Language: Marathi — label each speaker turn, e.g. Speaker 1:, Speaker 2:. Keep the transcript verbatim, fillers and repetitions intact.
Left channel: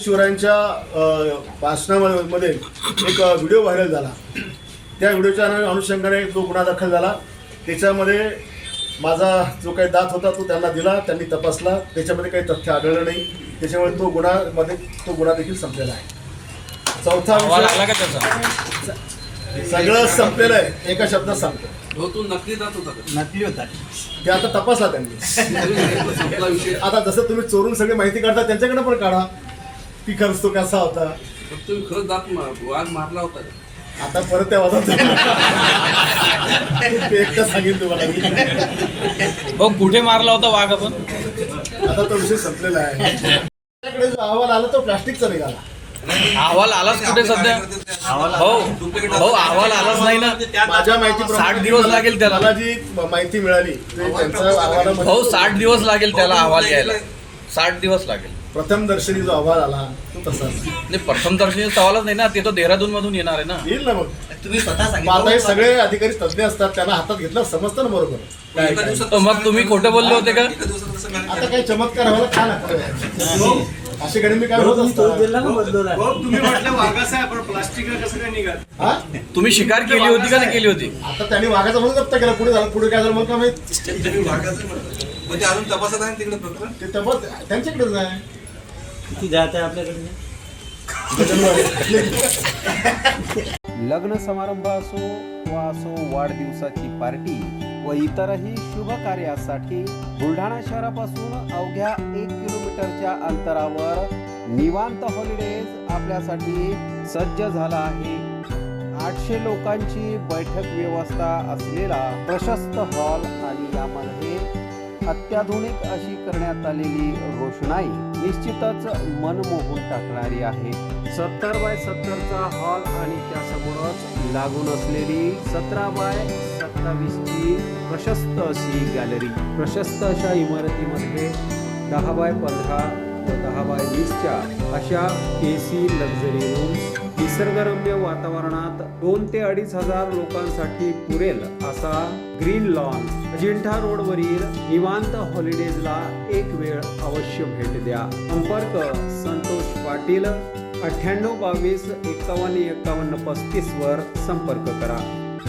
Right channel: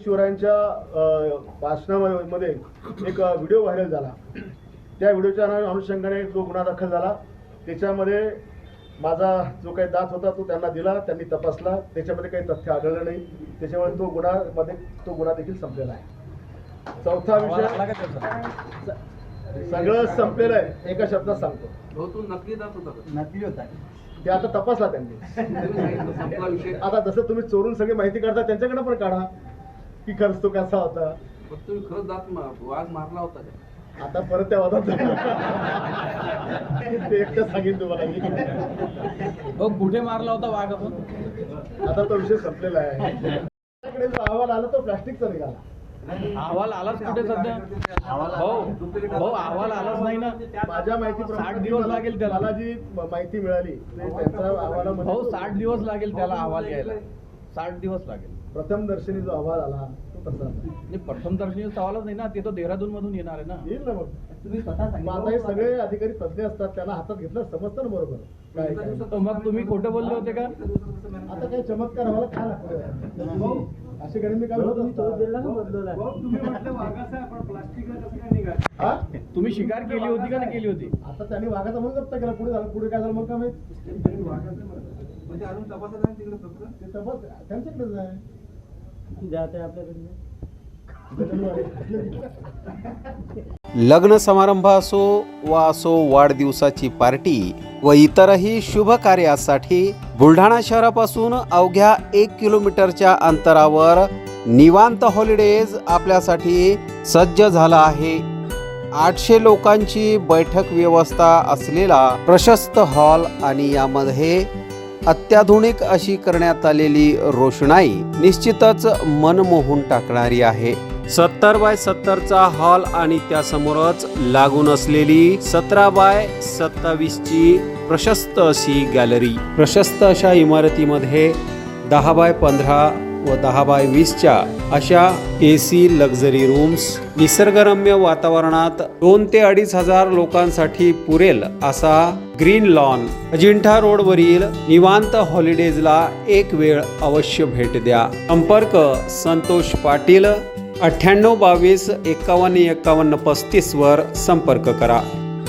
Speaker 1: शिवरायांच्या भाषणामध्ये एक व्हिडिओ व्हायरल झाला. त्या व्हिडिओच्या अनुषंगाने जो गुन्हा दाखल झाला त्याच्यामध्ये माझा जो काही दात होता तो त्यांना दिला, त्यांनी तपासला, त्याच्यामध्ये काही तथ्य आढळलं नाही, त्याच्यामुळे तो गुन्हामध्ये तो गुन्हा देखील संपलेला आहे. चौथा सगळं संपलेलं आहे, एका शब्दात सांगतो.
Speaker 2: तो नकली दात होता,
Speaker 3: नकली होता
Speaker 1: ते आता तपासला त्यांनी. आता जसं तुम्ही चोरून सगळी माहिती काढता त्यांच्याकडे पण काढा की खरंच तो कसा होता.
Speaker 2: तुम्ही खरंच दात वाघ मारला होता.
Speaker 1: आता परत त्या वादात एकटा सांगेन तुम्हाला.
Speaker 3: हो, कुठे मारला होता वाघ आपण?
Speaker 1: आता तो विषय संपलेला आहे. त्याकडे जो अहवाल आला तो प्लास्टिकचा निघाला.
Speaker 3: अहवाल आलाच कुठे सध्या? हो हो, अहवाल आलाच नाही ना.
Speaker 1: माझ्या माहिती
Speaker 3: साठ दिवस लागेल त्याला.
Speaker 1: मला जी माहिती मिळाली त्यांचा अहवाल
Speaker 3: हो, साठ दिवस लागेल त्याला अहवाल यायला. साठ दिवस लागेल.
Speaker 1: प्रथम दर्शनी जो अहवाल आला तो तसाच
Speaker 3: नाही, प्रथम दर्शनी सवालच नाही ना, ते तर देहरादून मधून येणार आहे ना.
Speaker 1: येईल ना. मग
Speaker 4: तुम्ही स्वतः
Speaker 1: आता हे
Speaker 4: सांगितलं
Speaker 1: सगळे अधिकारी तज्ञ असतात, त्यांना हातात घेतलं समजतं ना बरोबर काय काय.
Speaker 3: मग तुम्ही खोटं बोलले होते का?
Speaker 1: आता काही चमत्कार व्हायला का नको असे गणे मी काय होत असतात.
Speaker 5: तुम्ही म्हटलं वाघाचा आहे पण प्लास्टिक कसं काय निघाल?
Speaker 1: हा
Speaker 3: तुम्ही शिकार केली होती का नाही केली होती?
Speaker 1: आता त्यांनी वाघाचा म्हणून जप्त केला. पुढे झालं, पुढे काय झालं मग काय माहित.
Speaker 2: म्हणजे अजून तपासत आहे तिकडे प्रकरण.
Speaker 1: ते तपास त्यांच्याकडेच आहे.
Speaker 4: किती जात आहे आपल्याकडे?
Speaker 6: लग्न समारंभ असो वा असो वाढदिवसाची पार्टी व इतरही शुभ कार्यासाठी बुलढाणा शहरापासून अवघ्या एक किलोमीटरच्या अंतरावर निवांत हॉलिडेज आपल्यासाठी सज्ज झाला आहे. आठशे लोकांची बैठक व्यवस्था असलेला प्रशस्त हॉल आणि यामध्ये अत्याधुनिक अशी करण्यात आलेली रोषणाई निश्चितच मन मोहून टाकणारी आहे. सत्तर बाय सत्तरचा हॉल आणि त्यासमोरच लागून असलेली सतरा बाय सत्तावीस ची प्रशस्त अशी गॅलरी. प्रशस्त अशा इमारतीमध्ये दहा बाय पंधरा व दहा बाय वीसच्या अशा ए सी लक्झरी रूम्स, निसर्गरम्य वातावरणात दोन ते अडीच हजार लोकांसाठी पुरेल असा ग्रीन लॉन. अजिंठा रोडवरील निवांत हॉलिडेजला एक वेळ अवश्य भेट द्या. संपर्क संतोष पाटील, अठ्ठ्याण्णव बावीस एकावन्न एकावन्न पस्तीस वर संपर्क करा.